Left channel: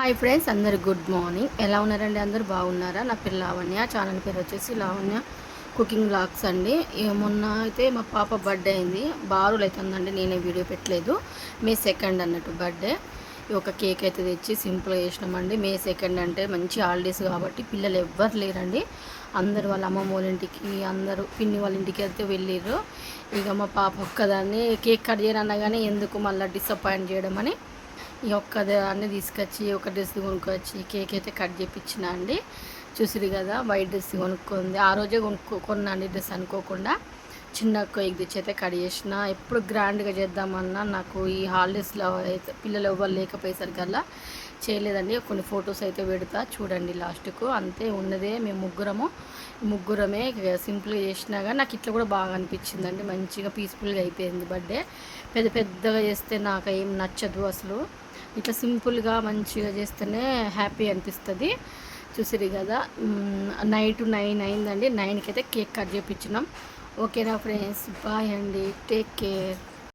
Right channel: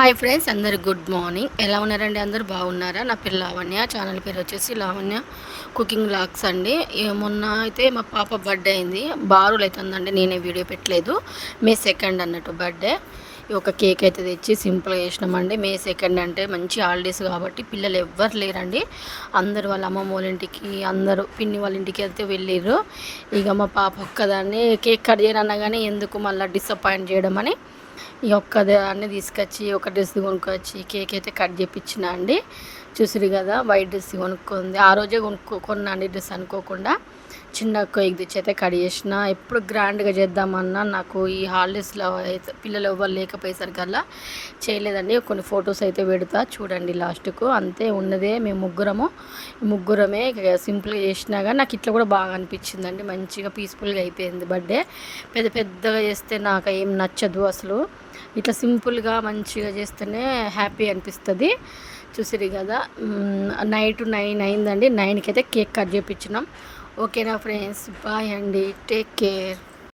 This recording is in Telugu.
హాయ్ ఫ్రెండ్స్, అందరు గుడ్ మార్నింగ్. ఎలా ఉన్నారండి? అందరూ బాగున్నారా? నా పేరు లావణ్య. ఛానల్ పేరు వచ్చేసి లావణ్య కుకింగ్ వ్లాగ్స్ అండి. మొన్న అయితే మా పాప బర్త్డే అయింది. బారులు అవుతుందండి, నేనే వీడియో పెట్టలేదు. మే 2 అన్నట్టు బర్త్డే. ఒక కేక్ అయితే తెచ్చి సింపుల్గా చేసినామండి. మే 2 అంటే మంచి హాలిడేస్ కాబట్టి పిల్లలు ఎవ్వరు లేరండి. అందరు వాళ్ళ అమ్మమ్మ వాళ్ళ ఇంటికి, అందరూ పిన్ని వాళ్ళ ఇంటికి అయితే వెళ్ళిర్రు. ఇక మా పాప ఒక్కదాన్ని కేక్ కట్ చేయనగానే ఎందుకు మళ్ళీ డిసప్పాయింట్ చేయడం అని ఈ ఒక్కదాన్ని తీసుకొచ్చి ఒక డ్రెస్ కొనుక్కొచ్చి కేక్ అయితే కట్ చేయించిన అండి. చూసిరు కదా, వైట్ డ్రెస్ కొనుక్కుంది. ఆ రోజే కొన్నా అండి డ్రెస్ అనుకోకుండా. చిన్న కేక్ తెచ్చి అయితే కట్ చేసిన. ఎప్పుడు గ్రాండ్గా చేద్దామన్నా నాకు ఈ హాలిడేస్లో అయితే పిల్లలు ఎవ్వరు లేకపోయేసరికల్లా చేయలేదండి. కొన్ని ఫొటోస్ అయితే పెడతా చూడండి లాస్ట్కు. అంతే ఉన్నదే మేము ముగ్గురమే సింపుల్గా చేసినా కానీ నాకు ఇట్లా కూడా బాగా అనిపించిందండి. మంచిగా పీస్ఫుల్గా అయిపోయింది బర్త్డే. పెద్దగా చేస్తే నాకు ఏం నచ్చదు అసలు. ఇట్లా సింపుల్గా మంచిగా చేస్తేనే హ్యాపీ అనిపిస్తుంది. చూసిరు కదా, నైట్ 9 అయిందండి. 9కి అయితే కేక్ కట్ చేయించినాం. ఓకేనా ఫ్రెండ్స్, బాయ్ అండి, టేక్ కేర్.